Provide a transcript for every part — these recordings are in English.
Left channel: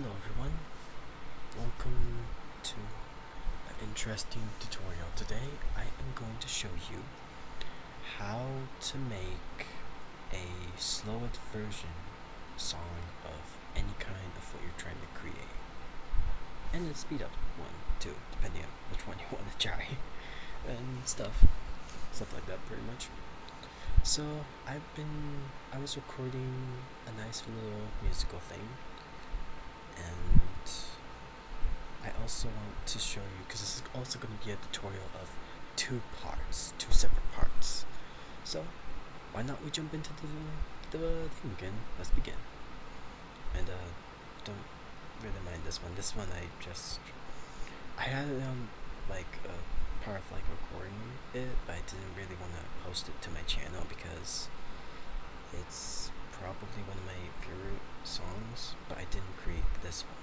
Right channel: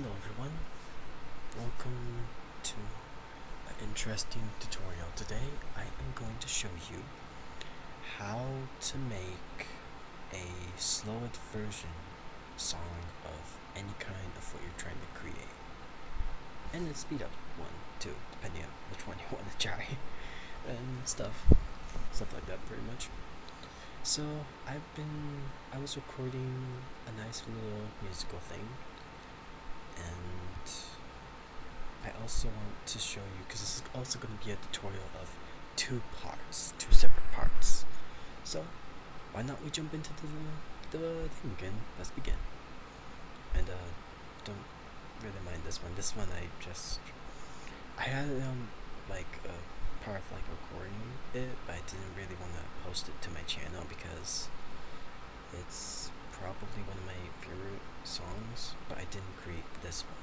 Hello everyone, welcome to an interesting tutorial. Today I am going to show you how to make a slowed version song of any kind of what you're trying to create. And a speed up one too, depending on which one you want to try and stuff like that pretty much. So I was recording a nice little musical thing, and I also want to show you, because this is also going to be a tutorial of two separate parts. So why not we jump into the thing again? Let's begin. And don't really mind this one. This one I had it on like a part of like recording it, but I didn't really want to post it to my channel because it's probably one of my favorite songs, but I didn't create this one.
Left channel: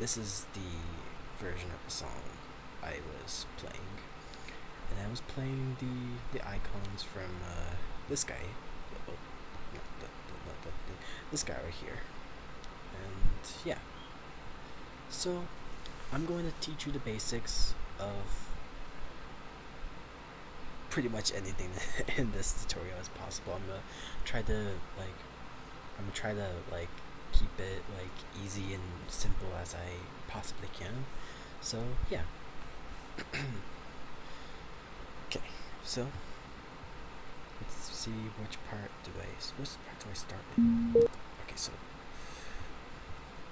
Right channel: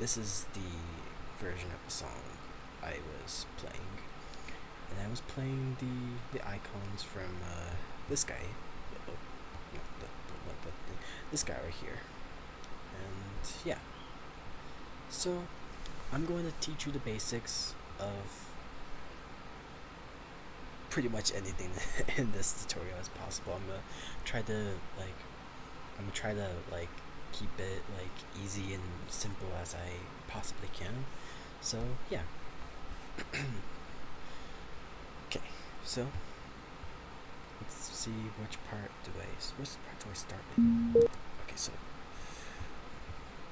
This is the version of the song I was playing, and I was playing the icons from this guy. Oh, no, this guy right here, and yeah. So I'm going to teach you the basics of pretty much anything in this tutorial as possible. I'm gonna try to keep it like easy and simple as I possibly can. So yeah. Okay, so let's see which part do I start in? Okay, so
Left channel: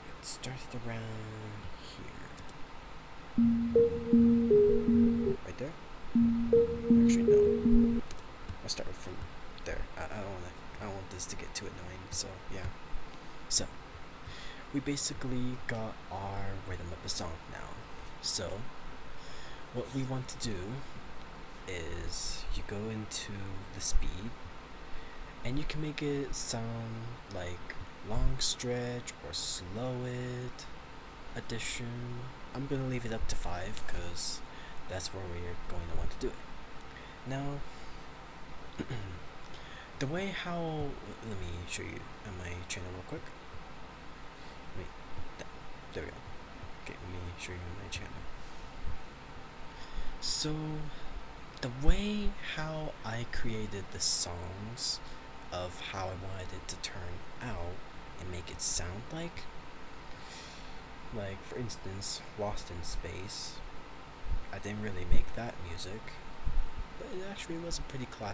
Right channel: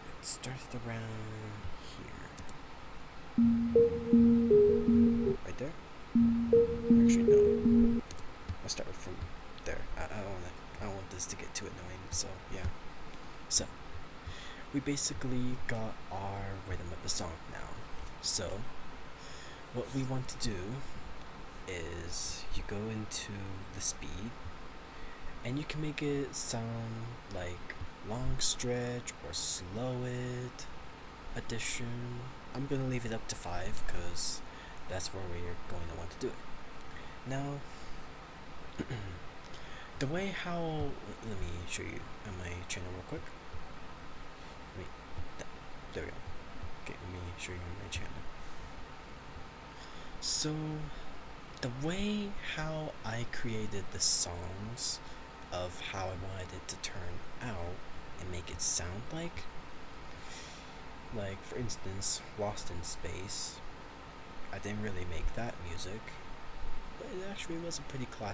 it starts around here. Right there? Actually no. I'll start from there. I don't want this to get too annoying, so yeah. So we basically got our rhythm of the song now. So what we want to do is you go into the speed, and you can make it sound like long stretch or slow it addition. I'm gonna leave it up to 5 because that's where we're going to want to do it. Now the way how, let me show you on my channel real quick. There we go. Okay, let me show you my channel. So the way how I created the songs of how I wanted it to turn out and make it sound like for instance, Lost in Space, I didn't really make that music, but it actually was a pretty cool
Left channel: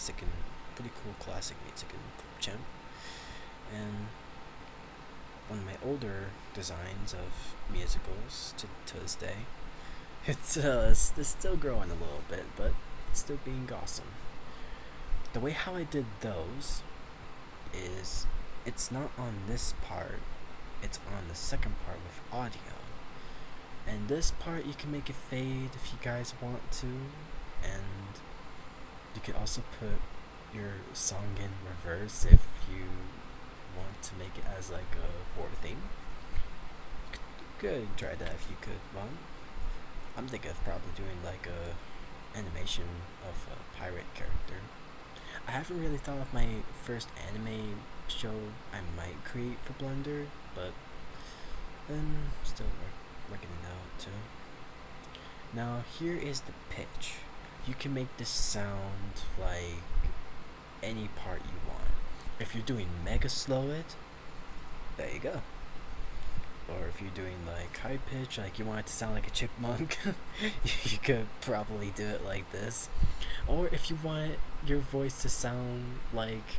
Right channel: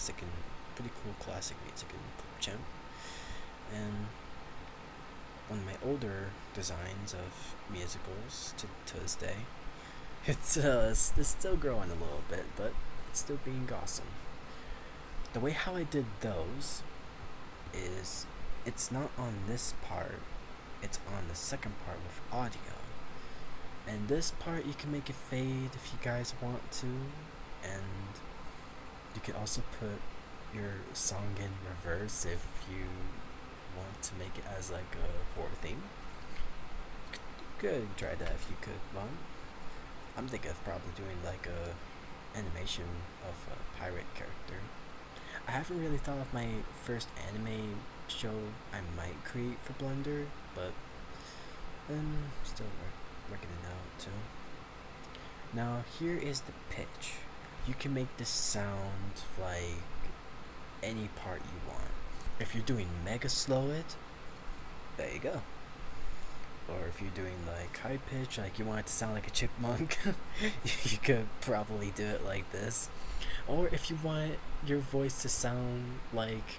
classic music in Clipchamp. And one of my older designs of musicals to this day. It's still growing a little bit, but it's still being awesome. The way how I did those is it's not on this part, it's on the second part with audio. And this part you can make it fade if you guys want to, and you can also put your song in reverse if you want to make it as like a horror theme. Could try that if you could. Well, I'm thinking of probably doing like a animation of a pirate character. I haven't really thought of my first anime show I might create for Blender, but I'm still working it out too. Now here is the pitch. You can make this sound like any part you want. If you're doing mega slow it, there you go. Or if you're doing like high pitch, like you want it to sound like a chipmunk, you could probably do it like this. Or if you want your voice to sound like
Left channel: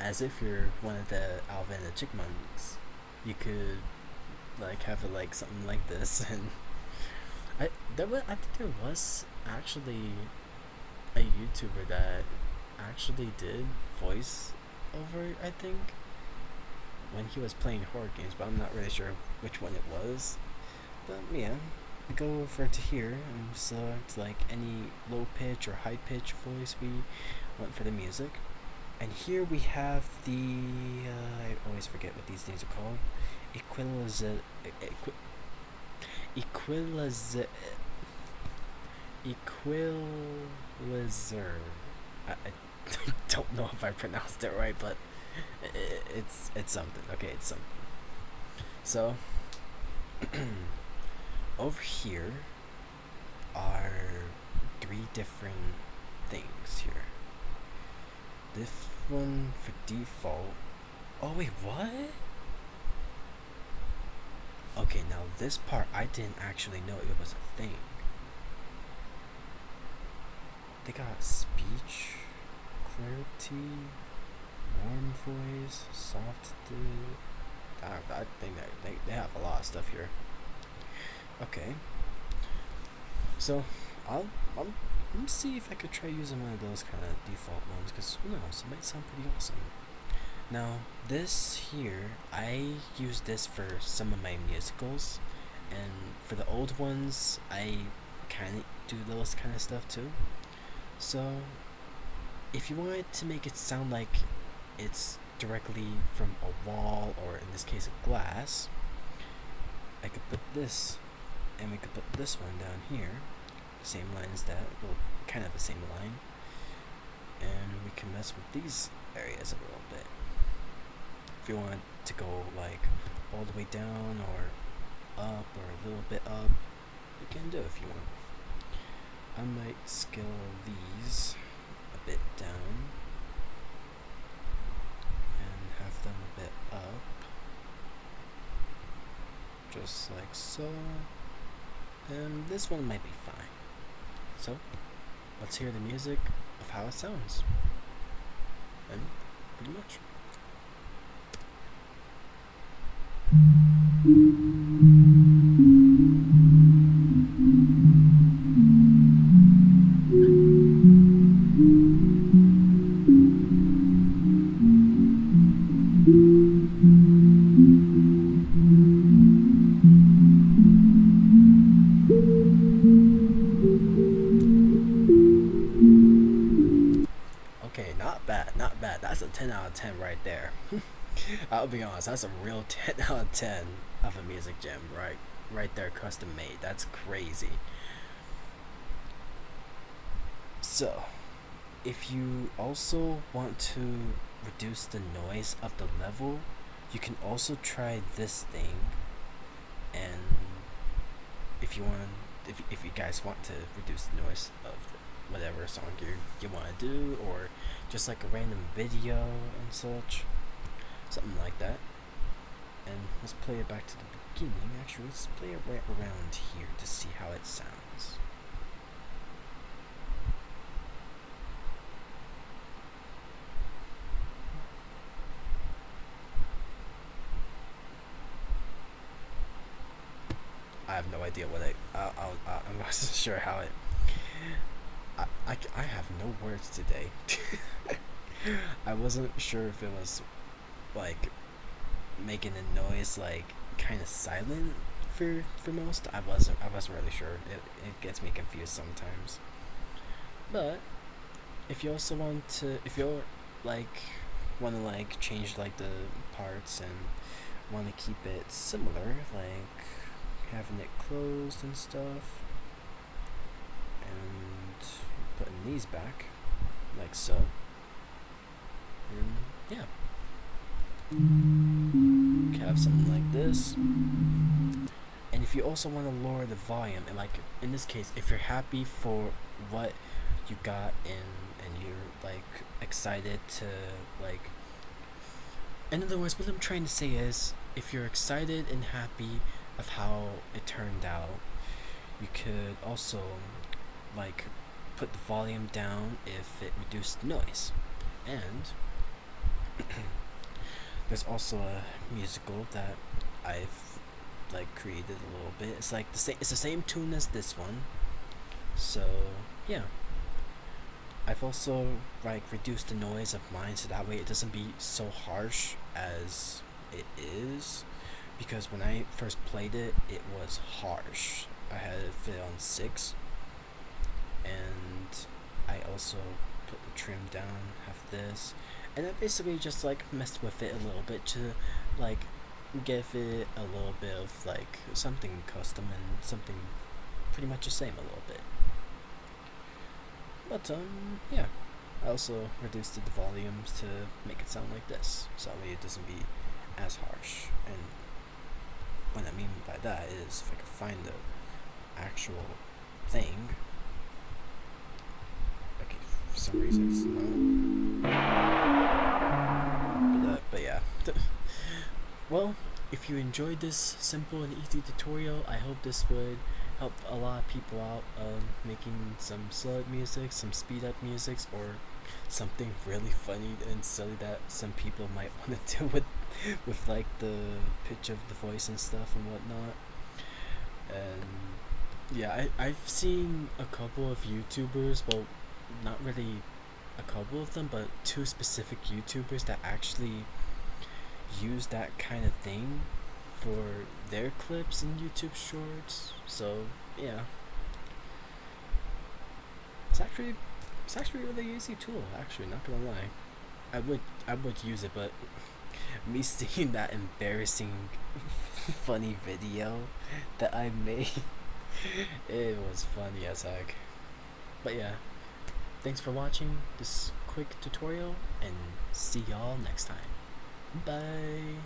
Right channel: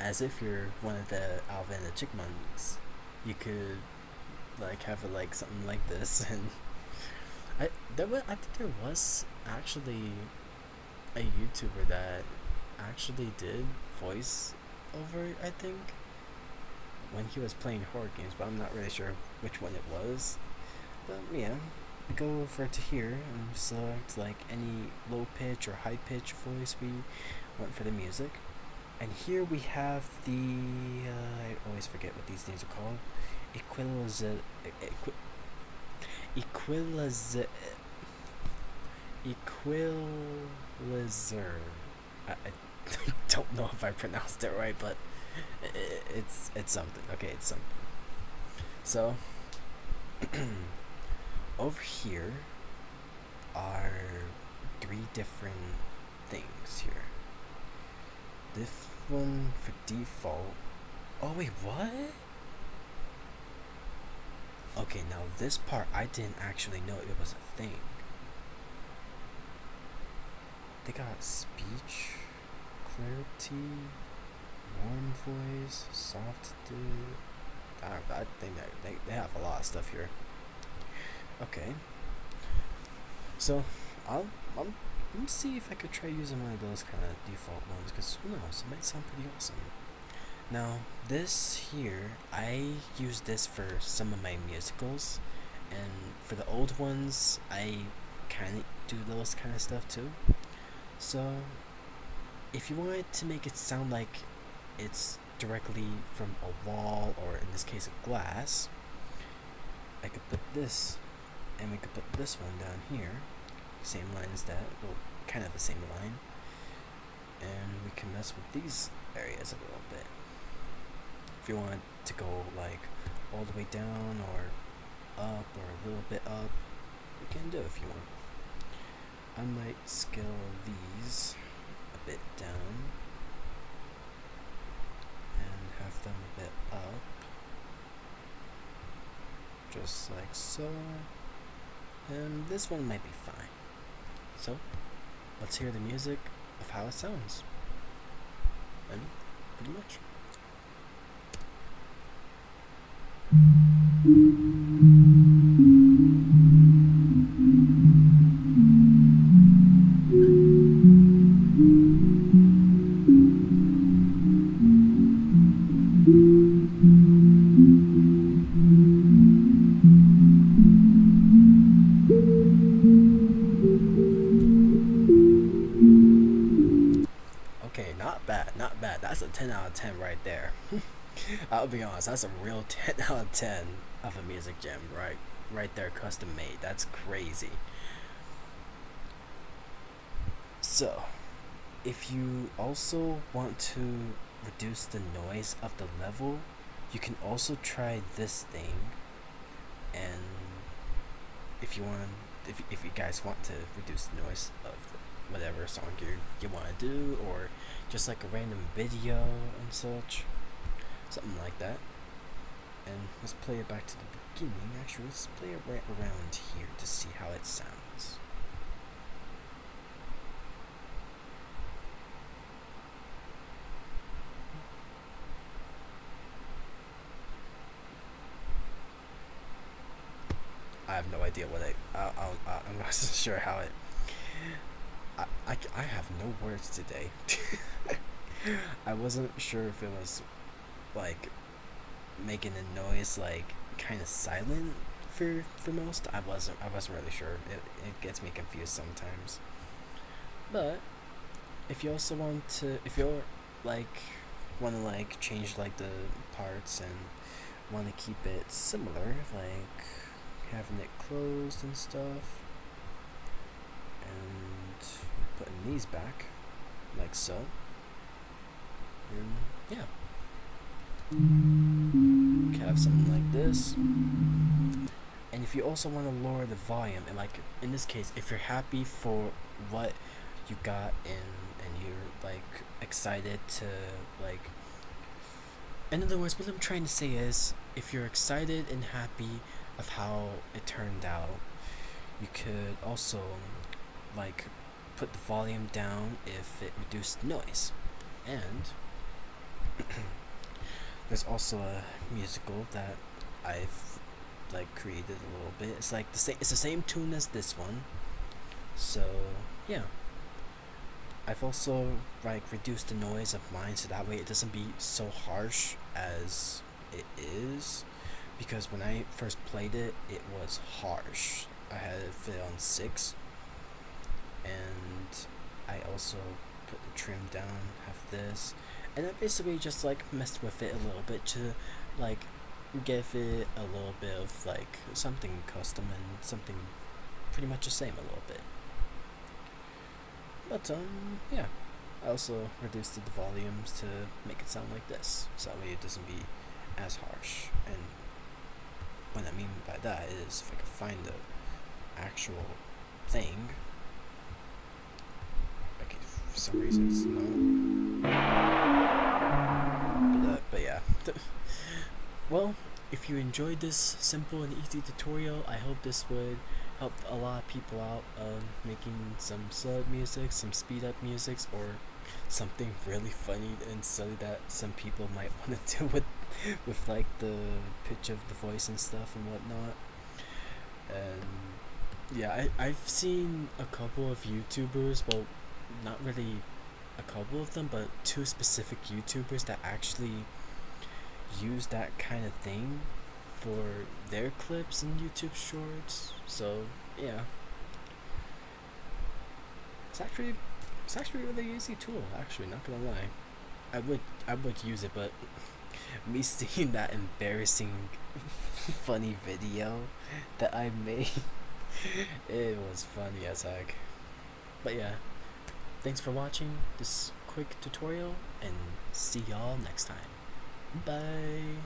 as if you're one of the Alvin and the Chipmunks, you could like have it like something like this. And I think there was actually a YouTuber that actually did voice over, I think, when he was playing horror games, but I'm not really sure which one it was. But yeah, we go over to here and select like any low pitch or high pitch voice we want for the music. And here we have the I always forget what these things are called. Equalizer. I don't know if I pronounced it right, but it's something. Okay, it's something. So Over here are three different things here. This one for default. Oh wait, what? Okay, now this part I didn't actually know it was a thing. They got speech, clarity, warm voice, soft. I think that they have a lot of stuff here. Okay, so I'll let me see if I could try using one of those kind of default ones, because who knows, it might sound pretty awesome. Now this here, I use this for some of my musicals, and for the old ones, I kind of do those kind of stuff too. So if you wanted to make it sound like it's directly from a wall, or in this case a glass, I could put this, and we could put this one down here, same line as that, well, kind of the same line, and we can mess with these areas a little bit. If you want to go like all the way down or up or a little bit up, you can do it if you want. I might scale these a bit down and have them a bit up, just like so, and this one might be fine. So let's hear the music of how it sounds, and pretty much. Okay, not bad, not bad. That's a 10 out of 10 right there. I'll be honest, that's a real 10 out of 10 of a music gem, right there, custom made. That's crazy. So, if you also want to reduce the noise of the level, you can also try this thing. And if you want, if you guys want to reduce the noise of whatever song you want to do, or just like a random video and such, something like that. And let's play it back to the beginning. Actually, let's play it right around here to see how it sounds. I have no idea what I'm not sure how it. I have no words today. I wasn't sure if it was like making a noise like kind of silent for most. I wasn't really sure. It gets me confused sometimes. But if you also want to, if you're like want to like change like the parts and want to keep it similar, like having it closed and stuff, and putting these back like so, and yeah, you can have something like this. And if you also want to lower the volume, and like in this case, if you're happy for what you got in and you're like excited to like, in other words, what I'm trying to say is, if you're excited and happy of how it turned out, you could also like put the volume down if it reduced noise. And there's also a musical that I've like created a little bit. It's like it's the same tune as this one. So yeah, I've also like reduced the noise of mine so that way it doesn't be so harsh as it is, because when I first played it, it was harsh. I had it fit on 6, and I also put the trim down, have this, and I basically just like messed with it a little bit to like give it a little bit of like something custom and something pretty much the same a little bit. But yeah, I also reduced the volumes to make it sound like this, so that way it doesn't be as harsh. And what I mean by that is if I can find the actual thing. Okay, for some reason it's not. But yeah. Well, if you enjoyed this simple and easy tutorial, I hope this would help a lot of people out making some slow music, some speed up musics, or something really funny and silly that some people might want to do with like the pitch of the voice and stuff and whatnot. And yeah, I've seen a couple of YouTubers, well, not really a couple of them, but two specific YouTubers that actually use that kind of thing for their clips and YouTube shorts. So yeah, it's actually a really easy tool. Actually, not gonna lie, I would use it, but me seeing that embarrassing funny video that I made, it was funny as heck. But yeah, thanks for watching this quick tutorial, and see y'all next time. Bye.